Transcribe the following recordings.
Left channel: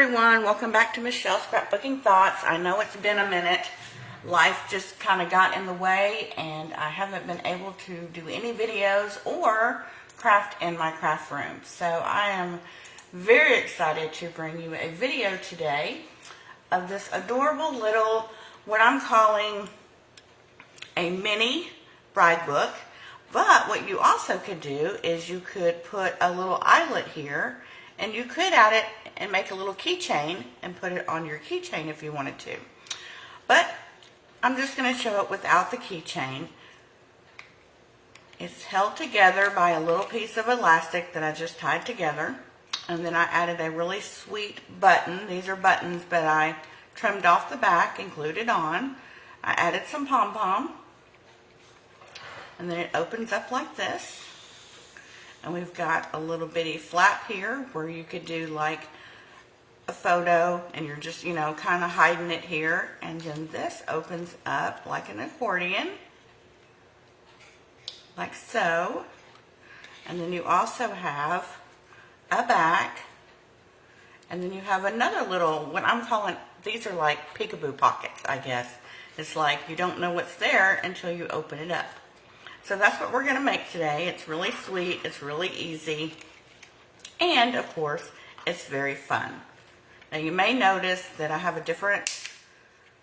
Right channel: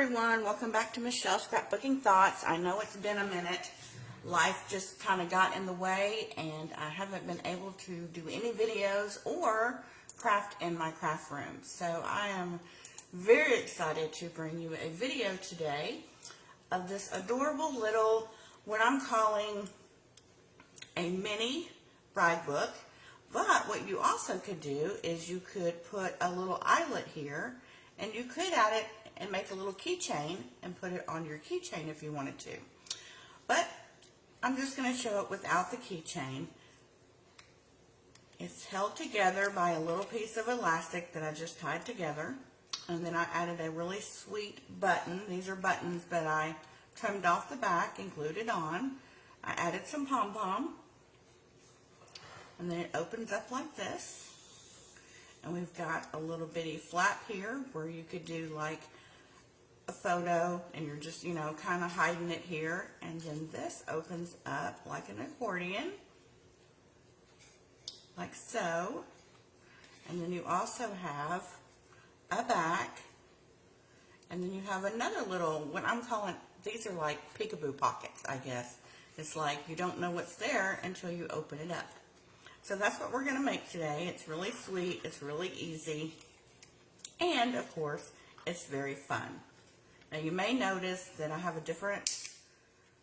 everyone, welcome back to Michelle's Scrapbooking Thoughts. I know it's been a minute. Life just kind of got in the way and I haven't been able to do any videos or craft in my craft room. So I am very excited to bring you a video today of this adorable little, what I'm calling a mini bride book. But what you also could do is you could put a little eyelet here, and you could add it and make a little keychain and put it on your keychain if you wanted to. But I'm just going to show it without the keychain. It's held together by a little piece of elastic that I just tied together. And then I added a really sweet button. These are buttons that I trimmed off the back and glued it on. I added some pom-pom. And then it opens up like this. And we've got a little bitty flap here where you could do like a photo and you're just, you know, kind of hiding it here. And then this opens up like an accordion, like so. And then you also have a back. And then you have another little, what I'm calling, these are like peekaboo pockets, I guess. It's like you don't know what's there until you open it up. So that's what we're going to make today. It's really sweet, it's really easy, and of course, it's very fun. Now you may notice that I have a different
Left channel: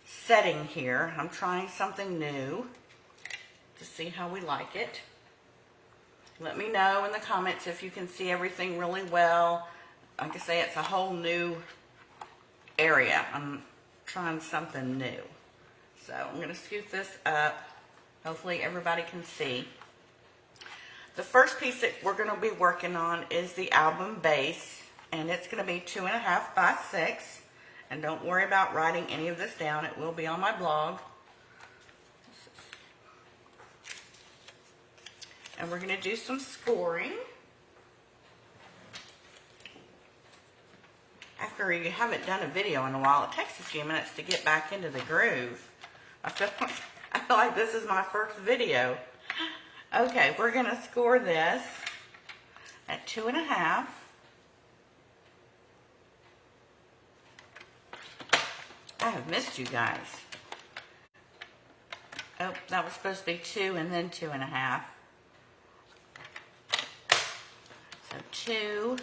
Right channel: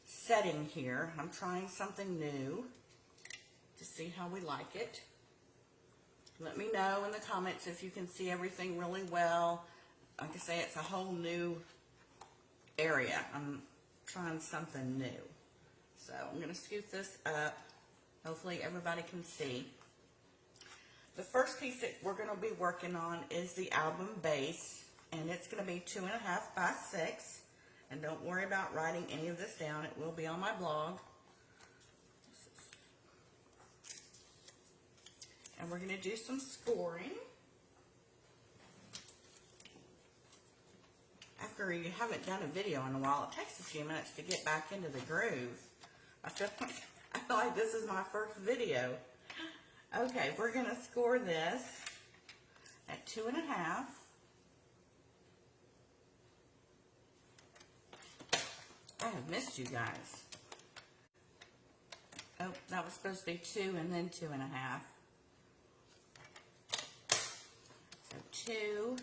setting here. I'm trying something new to see how we like it. Let me know in the comments if you can see everything really well. Like I say, it's a whole new area. I'm trying something new. So I'm going to scoot this up. Hopefully everybody can see. The first piece that we're going to be working on is the album base, and it's going to be 2.5 by 6. And don't worry about writing any of this down. It will be on my blog. And we're going to do some scoring. After you haven't done a video in a while, it takes a few minutes to get back into the groove. I feel like this is my first video. Okay, we're going to score this at 2.5. I have missed you guys. Oh, that was supposed to be 2 and then 2.5. So 2,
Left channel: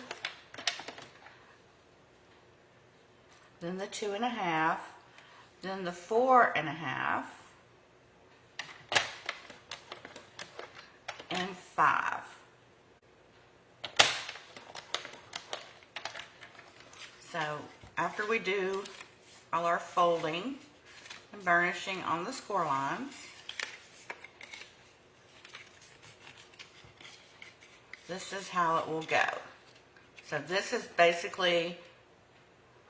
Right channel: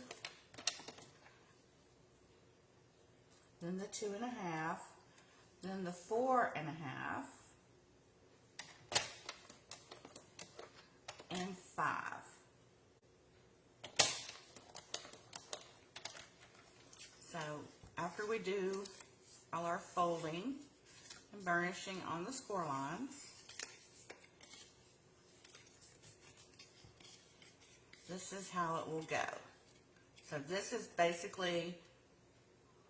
then the 2.5, then the 4.5. And 5. So after we do all our folding and burnishing on the score lines, this is how it will go. So this is basically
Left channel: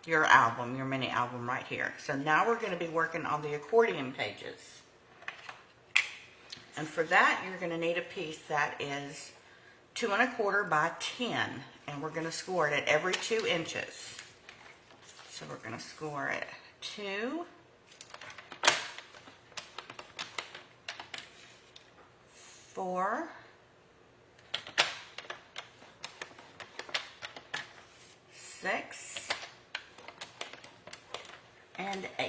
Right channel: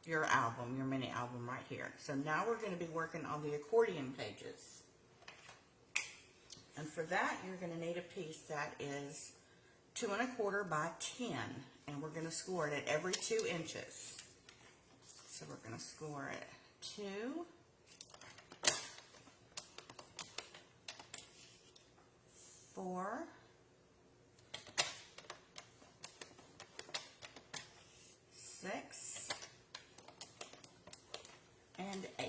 your album, your mini album right here. So now we're going to be working on the accordion pages. And for that, you're going to need a piece that is 2 1/4 by 10. And we're going to score it at every 2 inches. So we're going to score it 2, 4, 6, and 8.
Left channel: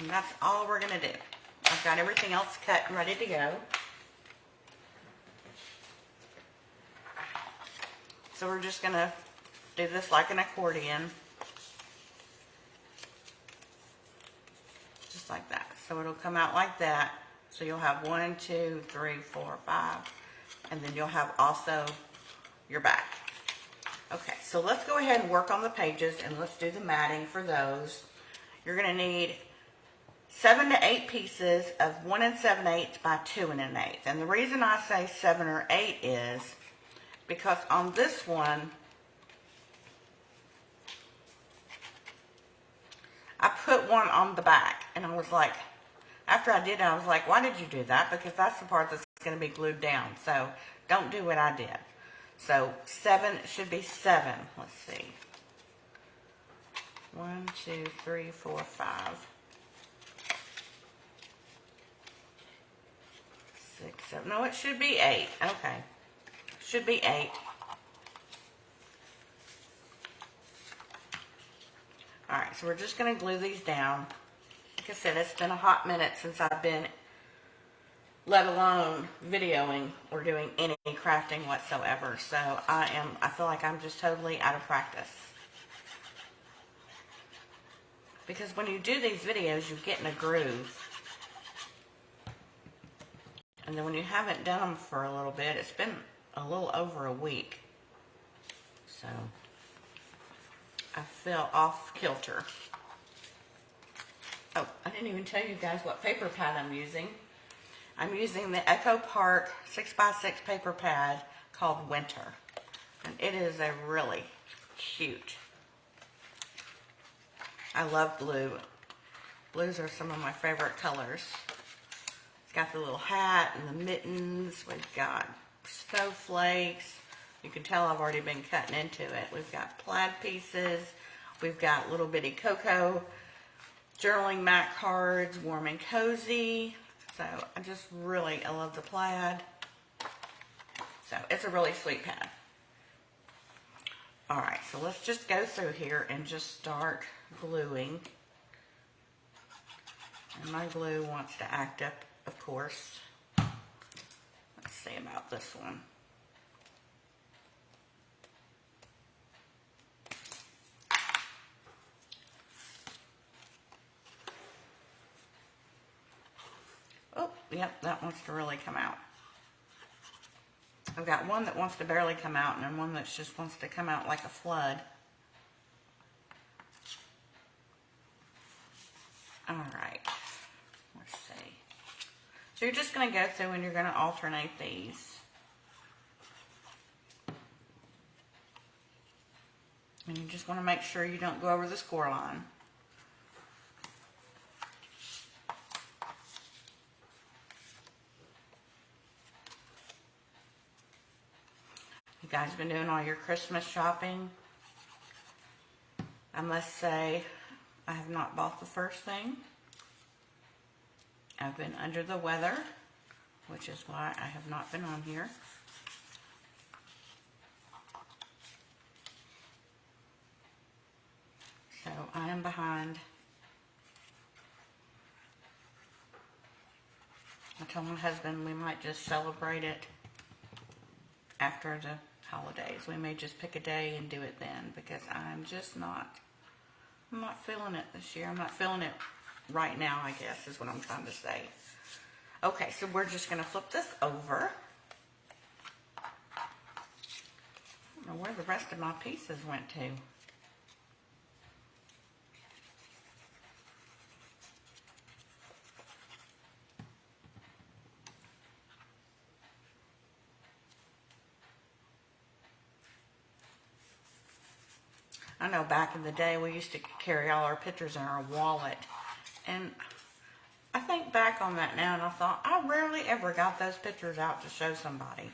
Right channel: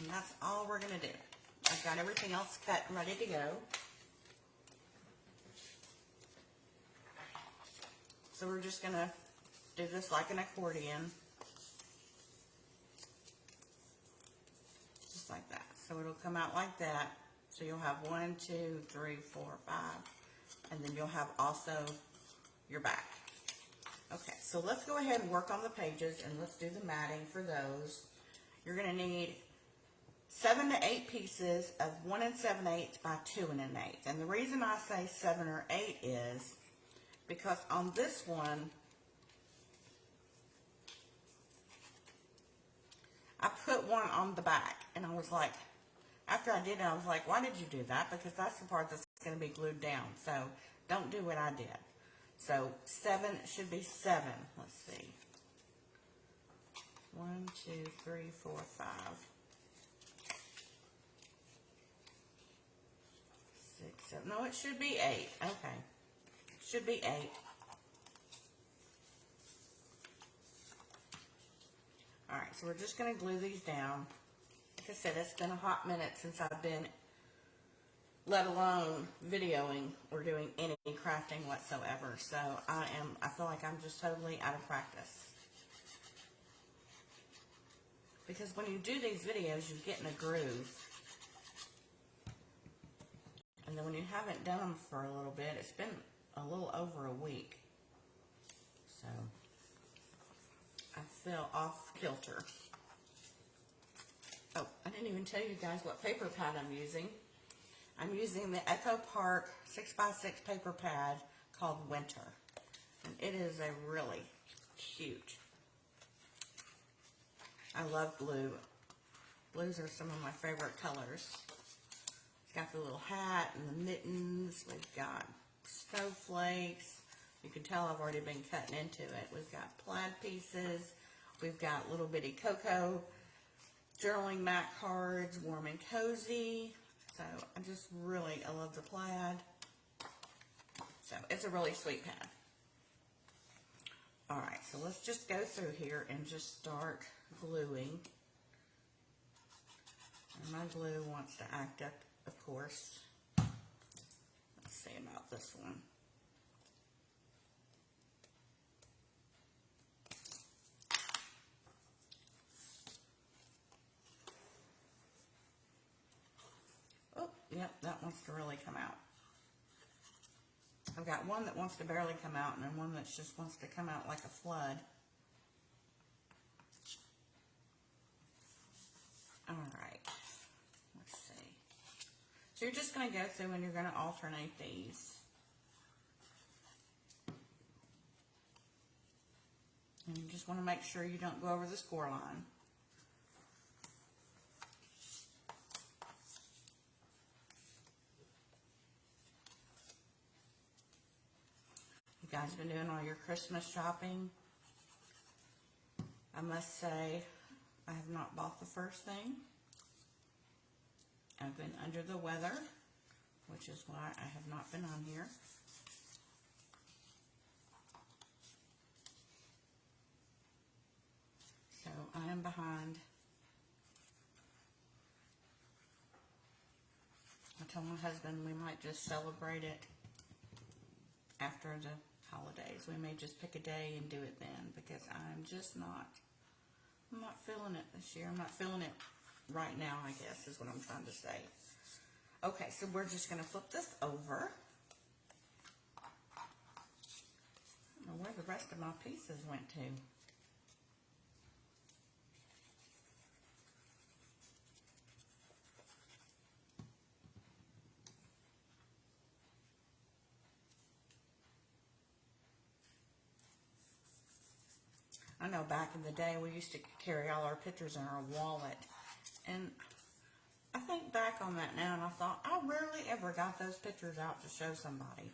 And that's all we're going to do. I've got everything else cut and ready to go. So we're just going to do this like an accordion. Just like that. So it'll come out like that. So you'll have 1, 2, 3, 4, 5. And then you'll have also your back. Okay, so let's go ahead and work on the pages and let's do the matting for those. You're going to need 7 to 8 pieces of 1 7/8 by 2 1/8. And the reason I say 7 or 8 is because on this one, I put one on the back. And I was like, after I did it, I was like, why did you do that? Because that's the part that's going to be glued down. So don't do what I did. So 7 should be 7. Let's see. 1, 2, 3, 4, 5. so no, it should be 8. Okay. Should be 8. Alright, so we're just going to glue these down. Like I said, it's been a hot minute since I've been, let alone videoing or doing any crafting whatsoever. So I feel like I'm just totally out of practice. Because when you do these videos, you get in a groove. And then when you haven't done them for a little bit, it's been a little over a week. So I feel off kilter. Oh, I didn't even tell you guys what paper pad I'm using. I'm using the Echo Park 6x6 paper pad called Winter. And it is a really cute. I love blue. Blues are some of my favorite colors. It's got the little hat and the mittens. We've got snowflakes. You can tell I've already been cutting into it. We've got plaid pieces. We've got little bitty cocoa journaling mat cards, warm and cozy. So I love the plaid. So it's a really sweet pad. All right, so let's just go through here and just start gluing. And my glue wants to act up, of course. Let's see about this one. Oh, yep, that wants to really come out. I've got one that wants to barely come out and then one that just wants to come out like a flood. All right, let's see. So you're just going to go through and you're going to alternate these. And you just want to make sure you don't go over the score line. You guys been doing all your Christmas shopping? I must say, I have not bought the first thing. I've been under the weather, which is why I have not been on here. So I am behind. I told my husband we might just celebrate it after the holidays. We may just pick a day and do it then because I'm not feeling it this year. I'm not feeling it right now, I guess, is what I'm trying to say. Okay, so we're just going to flip this over. I don't know where the rest of my pieces went to. I know back in the day we used to carry all our pictures in our wallet, and I think back on that now and I thought I rarely ever got those pictures out to show somebody.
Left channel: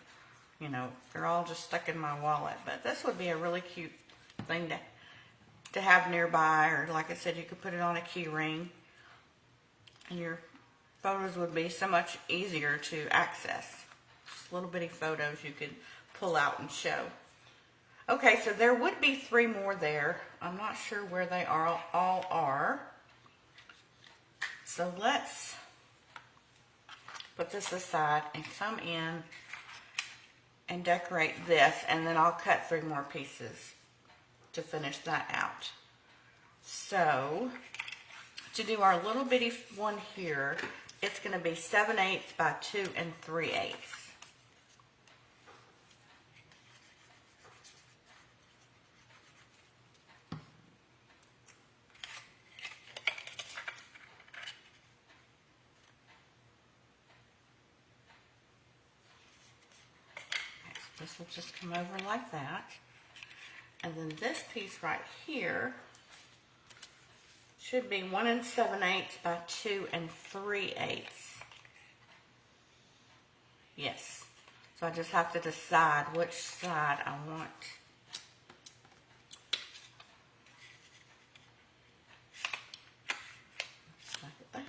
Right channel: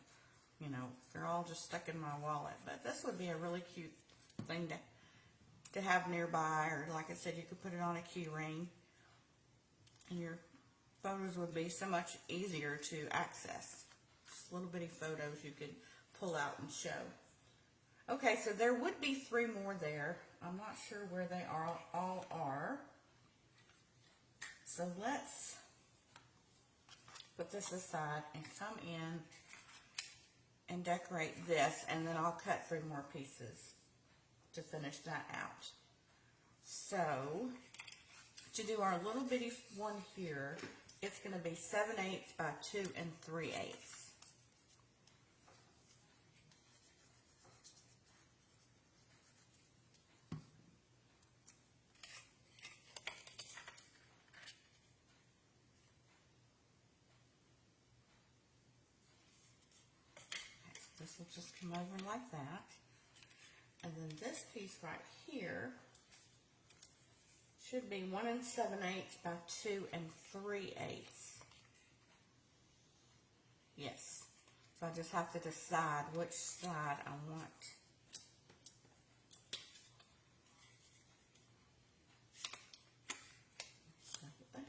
You know, they're all just stuck in my wallet, but this would be a really cute thing to have nearby, or like I said, you could put it on a key ring and your photos would be so much easier to access. Just little bitty photos you could pull out and show. Okay, so there would be 3 more there. I'm not sure where they all are. So let's put this aside and come in and decorate this, and then I'll cut 3 more pieces to finish that out. So to do our little bitty one here, it's going to be 7/8 by 2 3/8. This will just come over like that. And then this piece right here should be 1 7/8 by 2 3/8. Yes. So I just have to decide which side I want. Like that.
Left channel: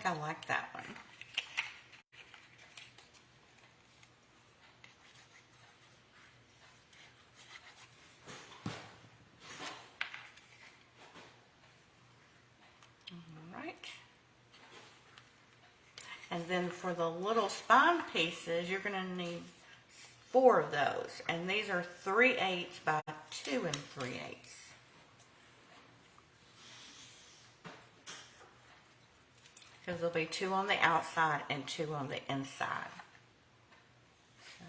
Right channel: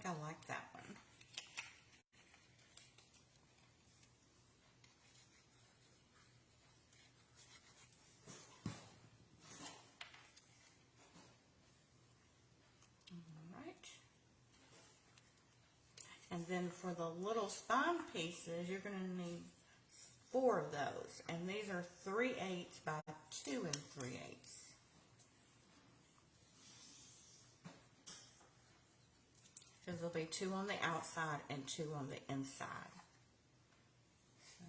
think I like that one. All right. And then for the little spine pieces, you're going to need 4 of those. And these are 3/8 by 2 3/8. Because there'll be 2 on the outside and 2 on the inside. So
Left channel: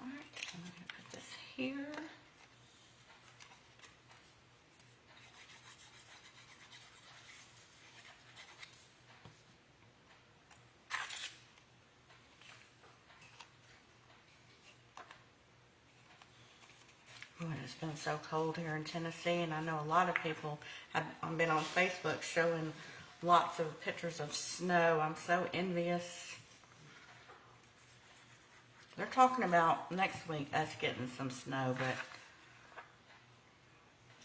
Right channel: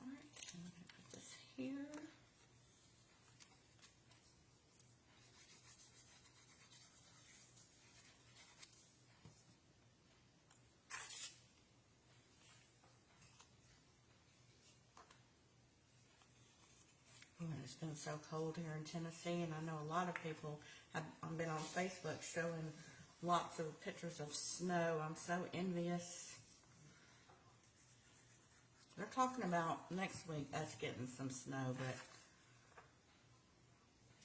all right, I'm going to put this here. It's been so cold here in Tennessee, and I know a lot of people have been on Facebook showing lots of pictures of snow. I'm so envious. They're talking about next week us getting some snow,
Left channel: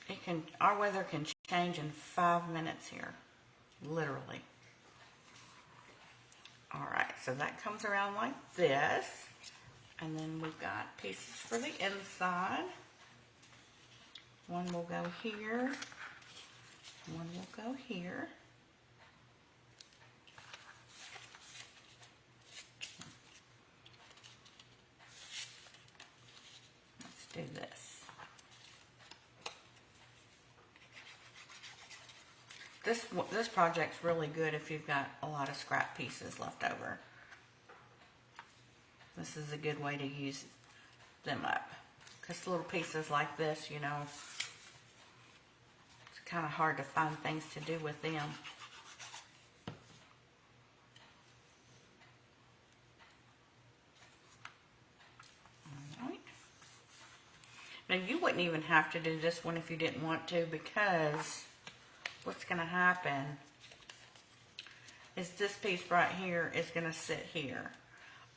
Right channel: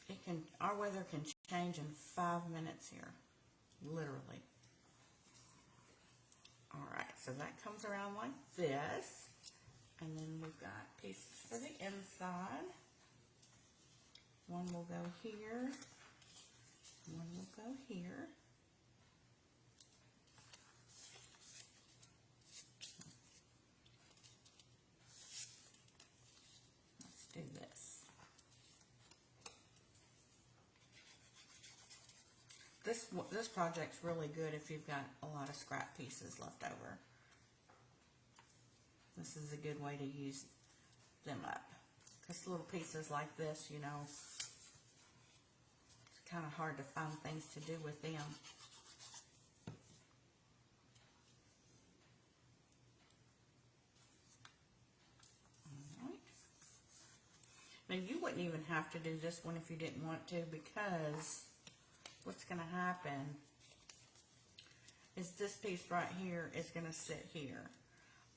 but our weather can change in 5 minutes here, literally. All right, so that comes around like this, and then we've got pieces for the inside. One will go here, one will go here. Let's do this. This project's really good if you've got a lot of scrap pieces left over. This is a good way to use them up. Because little pieces like this, you know, it's kind of hard to find things to do with them. Alright. Now you wouldn't even have to do this one if you didn't want to, because what's going to happen is this piece right here is going to sit here.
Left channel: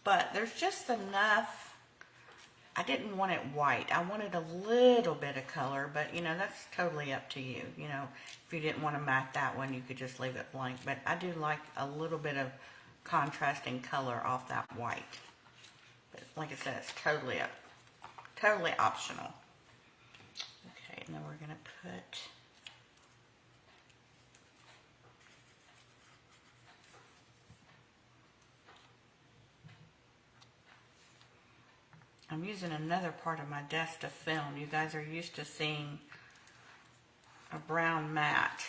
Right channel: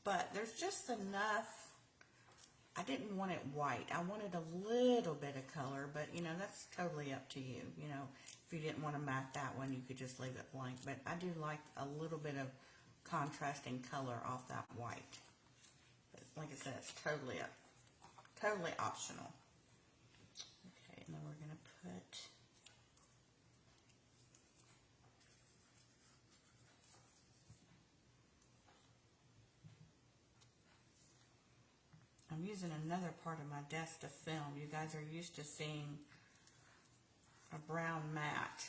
But there's just enough. I didn't want it white. I wanted a little bit of color, but you know, that's totally up to you. You know, if you didn't want to matte that one, you could just leave it blank. But I do like a little bit of contrasting color off that white. But like I said, it's totally optional. Okay, and then we're going to put I'm using another part of my desk to film. You guys are used to seeing a brown mat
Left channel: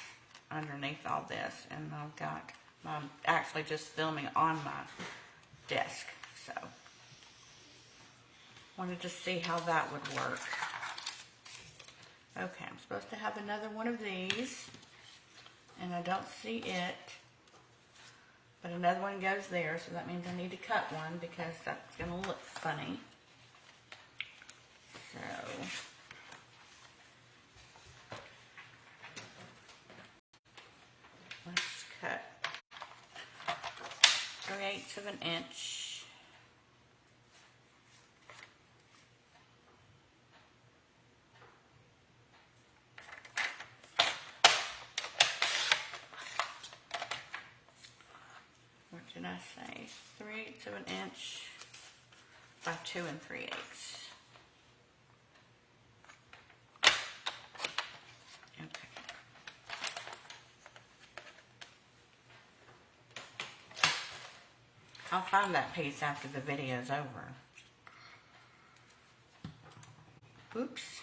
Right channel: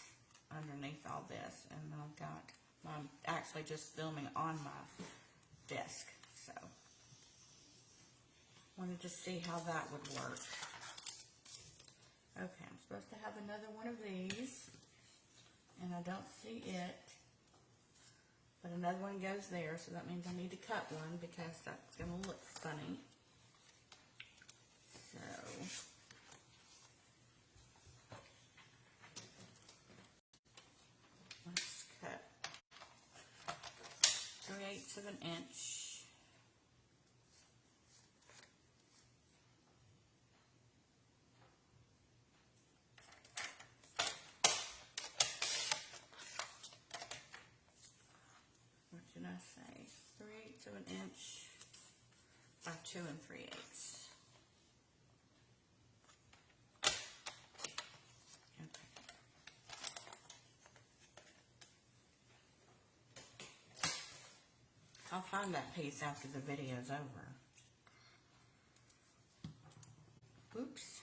underneath all this, and I'm actually just filming on my desk, so wanted to see how that would work. Okay, I'm supposed to have another one of these, and I don't see it, but another one goes there, so that means I need to cut one because that's going to look funny. So let's cut 3/8 of an inch. What did I say? 3/8 of an inch by 2 3/8. I'll find that piece after the video's over. Oops.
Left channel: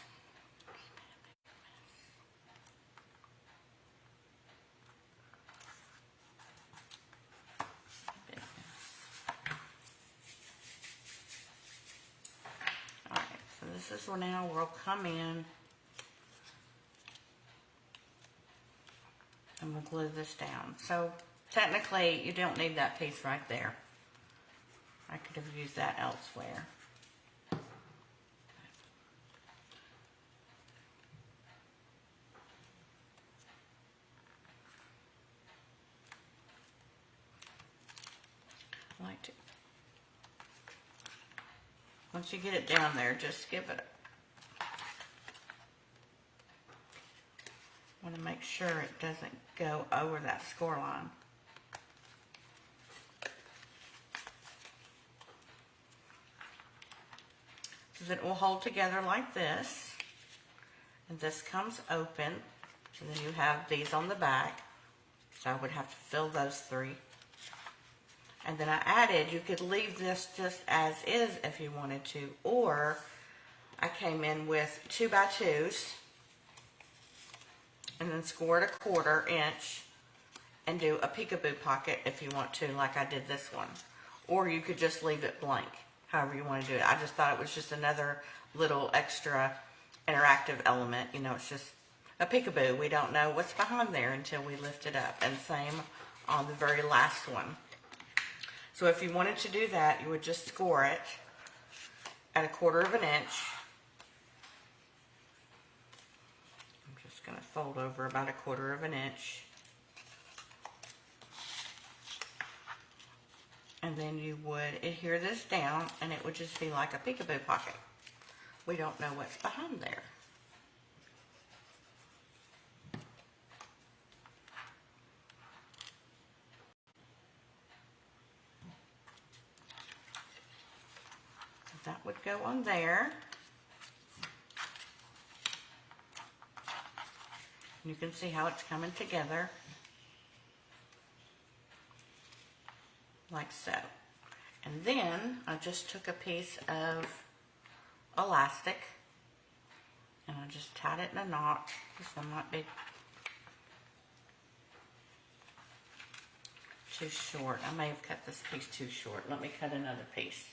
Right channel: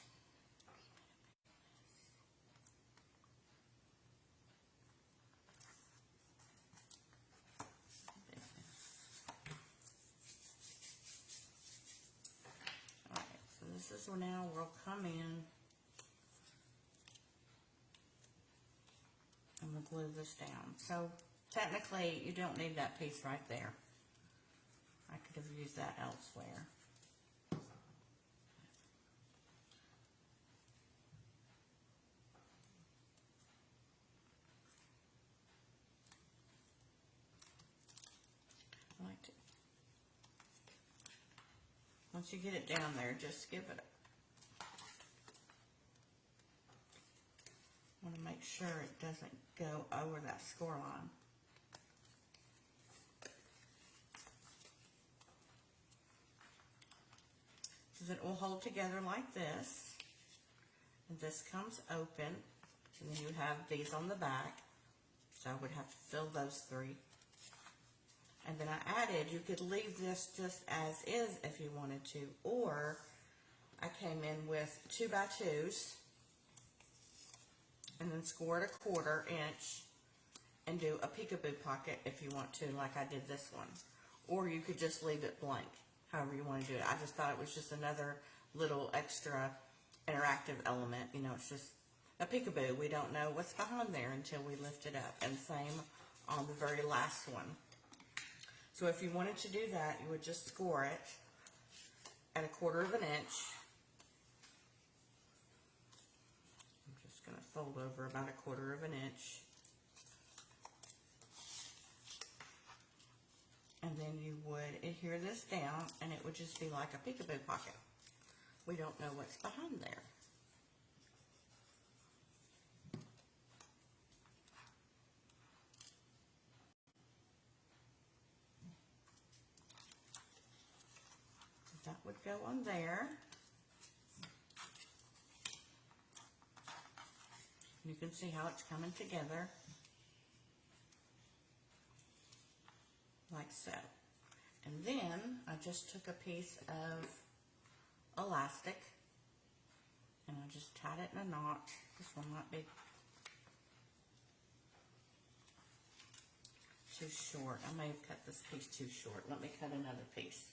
Alright, so this is where now we'll come in and we'll glue this down. So technically you don't need that piece right there. I could have used that elsewhere. Once you get it down there, just give it want to make sure it doesn't go over that score line. So it will hold together like this. And this comes open. And then you have these on the back. So I would have to fill those 3. And then I added, you could leave this just as is if you wanted to, or I came in with 2x2s and then scored a 1/4 inch and do a peekaboo pocket if you want to, like I did this one. Or you could just leave it blank, however you want to do it. I just thought it was just another little extra interactive element. You know, it's just a peekaboo. We don't know what's behind there until we lift it up. And same on the very last one. So if you wanted to do that, you would just score it at a 1/4 inch. I'm just going to fold over about a 1/4 inch. And then you would adhere this down and it would just be like a peekaboo pocket. We don't know what's behind there. That would go on there. You can see how it's coming together. Like so. And then I just took a piece of elastic and I just tied it in a knot. This one might be too short. I may have cut this piece too short. Let me cut another piece.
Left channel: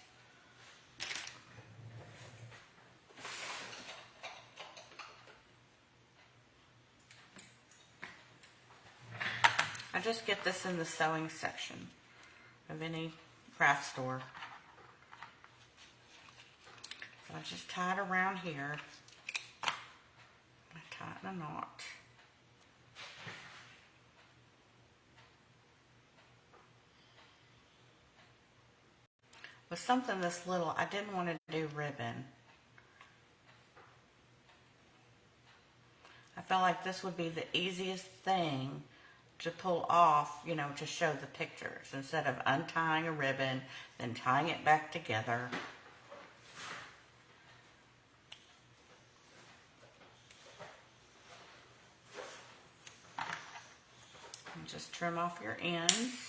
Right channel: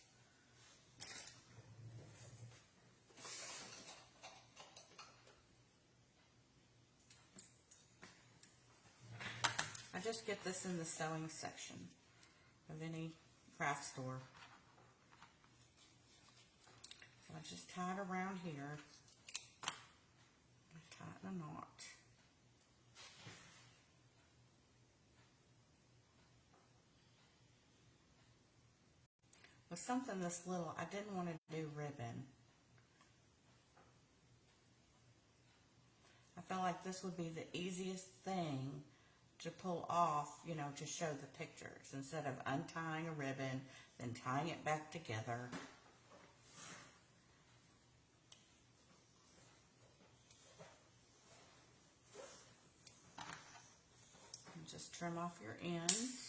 I just get this in the sewing section of any craft store. So I just tie it around here. I tie it in a knot. With something this little, I didn't want to do ribbon. I felt like this would be the easiest thing to pull off, you know, to show the pictures instead of untying a ribbon, then tying it back together. And just trim off your ends.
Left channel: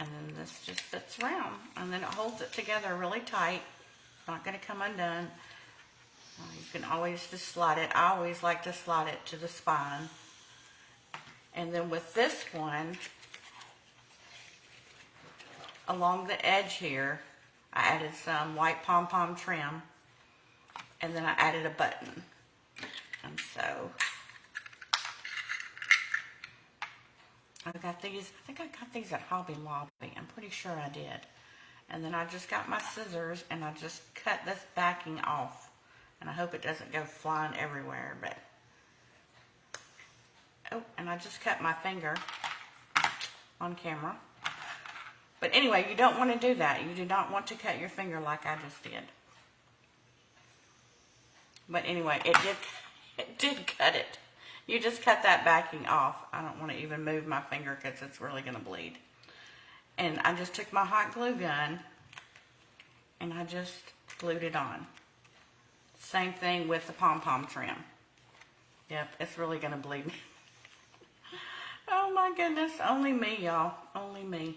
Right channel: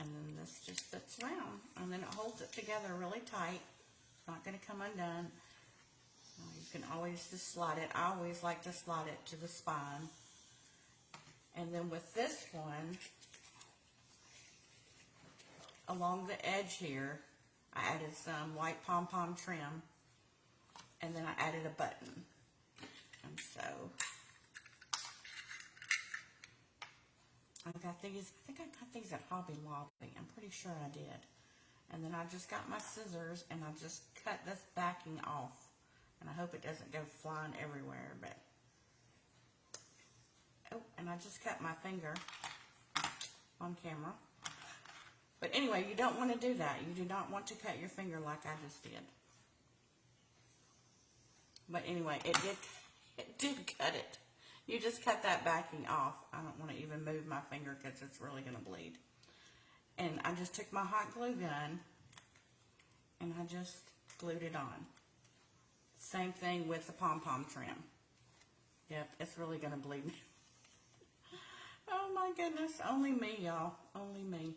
And then this just fits around, and then it holds it together really tight. It's not going to come undone. You can always just slide it. I always like to slide it to the spine. And then with this one, along the edge here, I added some white pom-pom trim, and then I added a button. And so I got these, I think I got these at Hobby Lobby. I'm pretty sure I did. And then I just got my scissors and I just cut this backing off. And I hope it doesn't go flying everywhere, but oh, and I just cut my finger on camera. But anyway, you don't want to do that. You do not want to cut your finger like I just did. But anyway, it did cut it. You just cut that backing off. I don't want to even move my finger because it's really going to bleed. And I just took my hot glue gun and I just glued it on. Same thing with the pom-pom trim. Yep, it's really going to bleed. Oh my goodness, only me, y'all. Only me.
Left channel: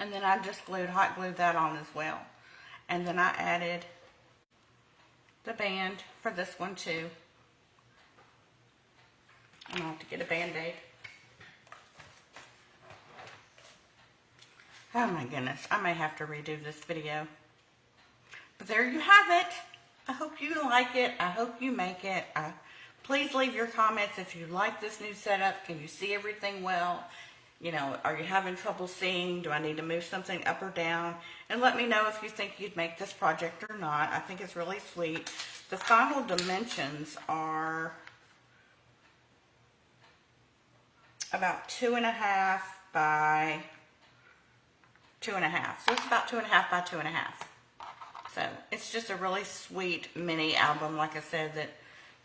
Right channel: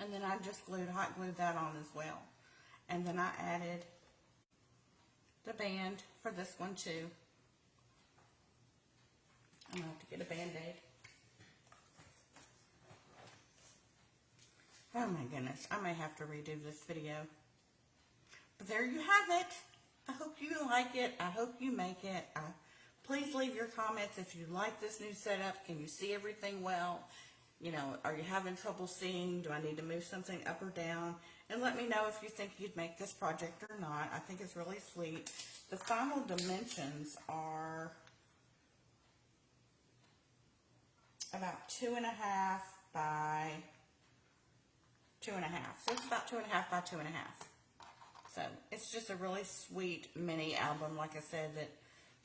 And then I just hot glued that on as well. And then I added the band for this one too. I'm going to have to get a Band-Aid. Oh my goodness, I may have to redo this video. But there you have it. I hope you like it. I hope you make it. Please leave your comments if you like this new setup. Can you see everything well? You know, are you having trouble seeing? Do I need to move something up or down? And let me know if you think you'd make this project or not. I think it's really sweet. The final dimensions are about 2.5 by 2.5. So it's about 2.5 by 2.5. So it's just a really sweet mini album, like I said, that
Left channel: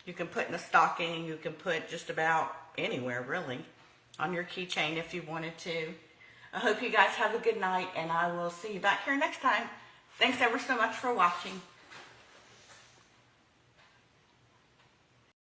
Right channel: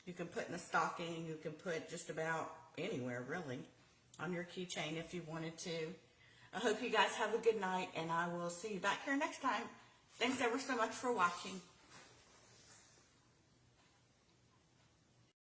you can put in a stocking. You can put just about anywhere, really, on your keychain if you wanted to. I hope you guys have a good night, and I will see you back here next time. Thanks ever so much for watching.